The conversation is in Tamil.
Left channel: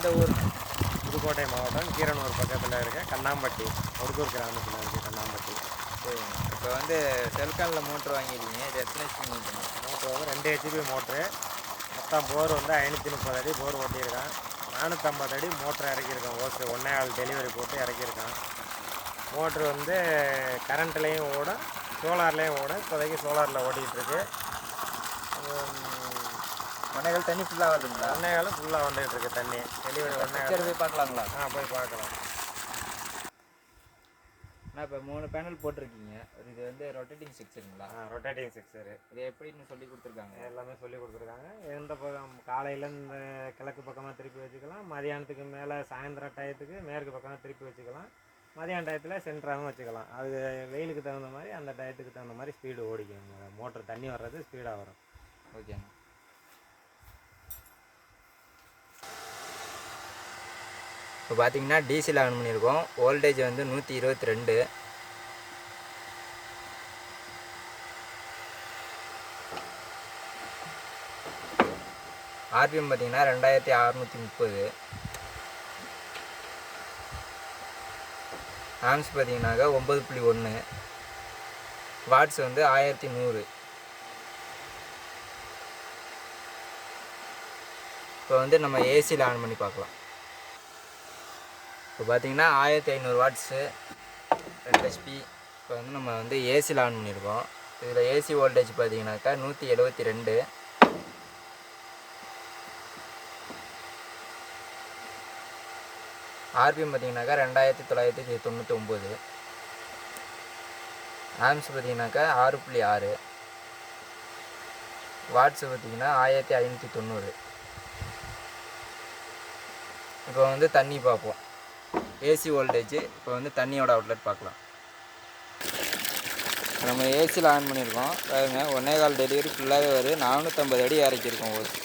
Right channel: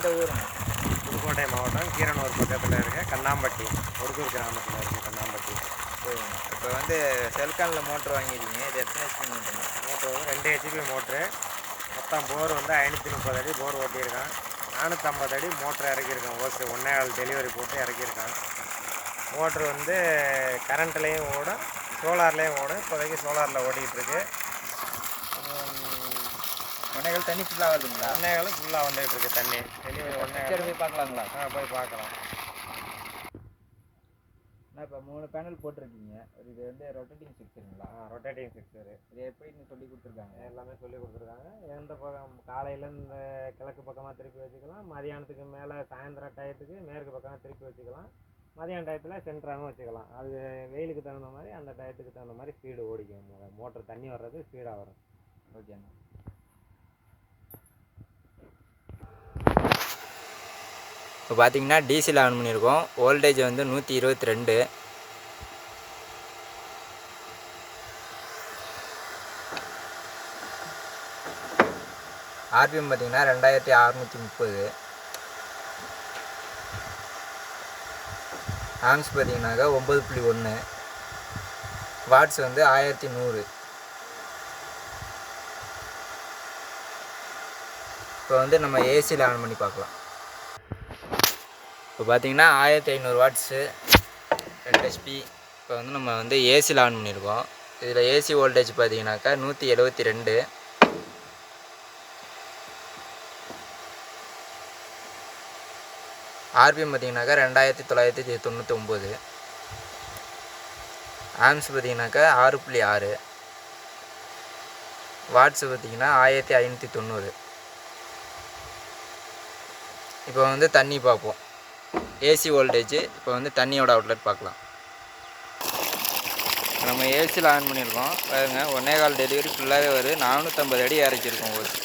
எந்த ஊருண்ணா? புதுக்கோட்டை மாவட்டம் கீரனூர் பக்கத்தில் இருக்க கண்ணாம்பட்டி, ஒடுக்கூர் கிராமத்தில் இருக்குது கண்ணாம்பட்டி. சரிண்ணா. இப்போ வந்து செல்கானில் மோட்ரு வாங்கியிருக்கீங்க, இது எத்தனை ஹெச்பி மோட்டருண்ணா? மோட்ரு வந்து 2 ஹெச்பி மோட்ரு. மொத்தம் போர் வந்து 530 அடி போர் ஓட்டியிருக்கான். 450 அடி மோட்ரு இறக்கியிருக்கான். ஓசு 1.25 டெலிவரி போட்டு இறக்கியிருக்கான். மோட்ரு வந்து கரண்ட்லேயும் ஓடும், சோலார்லேயும் ஓடும். இப்போதைக்கு சோலாரில் ஓட்டிக்கிட்டு இருக்கு. 1.25 தண்ணி ஃபுல்லாக வருதுங்களா? 1.25 ஃபுல்லாக வந்துகிட்டு இருக்கு தண்ணி. டெலிவரி 1.25 போய் பார்க்கலாங்களா? போய் பார்க்கலாம். நான் இப்போ 3 பேனல் போட்டிருக்கீங்க. இது வந்து ரொட்டேட்டிங் செக்ஷனுங்களா? ரொட்டேட்டிங் செக்ஷரு. இது எப்படின்னு சொல்லி கொடுத்துருக்காங்க? எல்லாமே சொல்லி கொடுத்துருக்காங்க. எந்த பக்கம் காலையில் இந்த கிழக்கு பக்கமாக திருப்பி வச்சுக்கலாம், மதியானத்துக்கு மேலே சாயந்தரம் டயத்துக்கு மேற்கு பக்கமாக திருப்பி வச்சுக்கலாம், மதியான டயத்தில் சென்டராகவும் வச்சுக்கலாம். அது வெயிலுக்கு தகுந்த மாதிரி அந்த டயத்துக்கு தகுந்த மாதிரி ஸ்பீடு ஓடிக்கும். மோட்ரு தண்ணி வர்றது ஸ்பீடாக வரும். ஓகேண்ணா. இப்போ பார்த்தீங்கன்னா டிசியில் ஆன் பண்ணியிருக்கோம். வோல்டேஜ் வந்து 122. ஆர்பிஎம் பார்த்தீங்கன்னா 2630. ஆம்ஸ் பார்த்தீங்கன்னாக்கா 9.1. வாட்ஸ் வந்து 1100. இப்போ வந்து நம்ம ஏசியில் ஆன் பண்ணி பார்க்கலாம். இப்போ பார்த்தீங்கன்னா 1500 வாட்ஸு 2 ஹெச்பி. இப்போ வந்து நம்ம வந்து ஏசியில் ஆன் பண்ணியிருக்கோம். இதில் ஏசி வோல்டேஜ் பார்த்தீங்கன்னாக்கா 172. ஆர்பிஎம் பார்த்தீங்கன்னாக்கா 2999. ஆம்ஸ் பார்த்தீங்கன்னாக்கா 6.6. வாட்ஸு பார்த்தீங்கன்னா 1590. இப்போ வந்து தண்ணி பார்ப்போம். AC voltage. இப்போ வந்து தண்ணியோட அவுட்லெட் பார்க்கலாம். நம்ம ஏசியில் ஆன் பண்ணியிருக்கோம் பாருங்கள். 1.25 டெலிவரி ஃபுல்லாகவே வருது. 450 அடி இறக்கியிருக்கோம் ஓசி.